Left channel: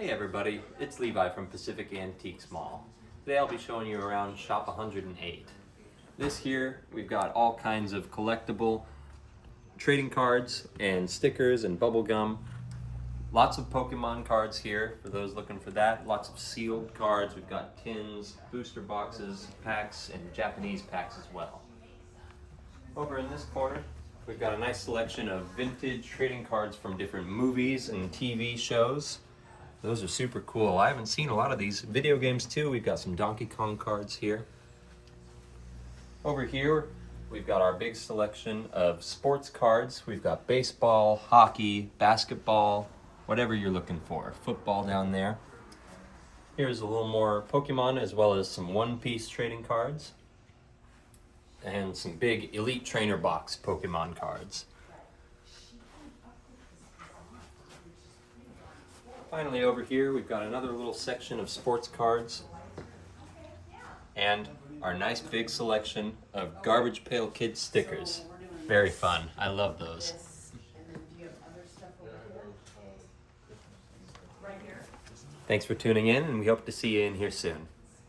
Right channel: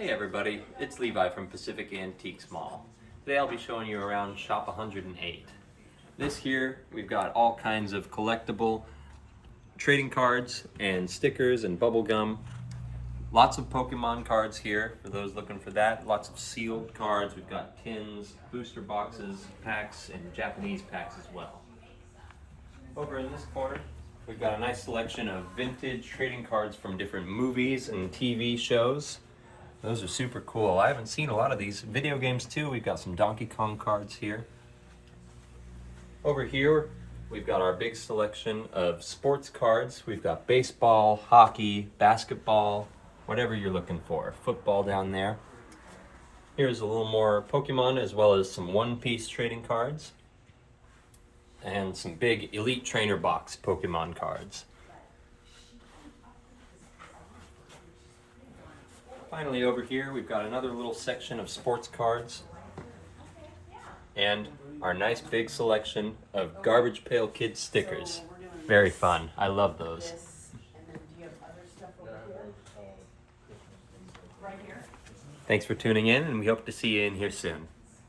Hey everybody, it's Levi from Pacific Antiques Mall. Today I'll be showing you around Shop 108. This here, we've got all kinds of collectible trading cards and stickers and bubble gum. Lots of Pokemon cards here for those looking for that. Lots of sealed cards. We've got tins, booster boxes, packs, and Japanese packs as well. Over in this corner, we've got a nice selection of vintage trading cards from different movies and TV shows. Those are super cool. I haven't seen a lot of these. Video games too. We've got some Donkey Kong cards here. Over here, we've got our big selection of sports cards. We've got baseball, hockey, basketball, whatever you're looking for. Football down there. Here's a little more Pokemon as well as some one-piece trading cards. And some big Elite Trainer box Pokemon cards. Finally over here we've got another little section of sports cards and our nice big selection of Garbage Pail Kids stickers. Very fun. I love those. Thanks for tuning in, and we hope to see you in here soon.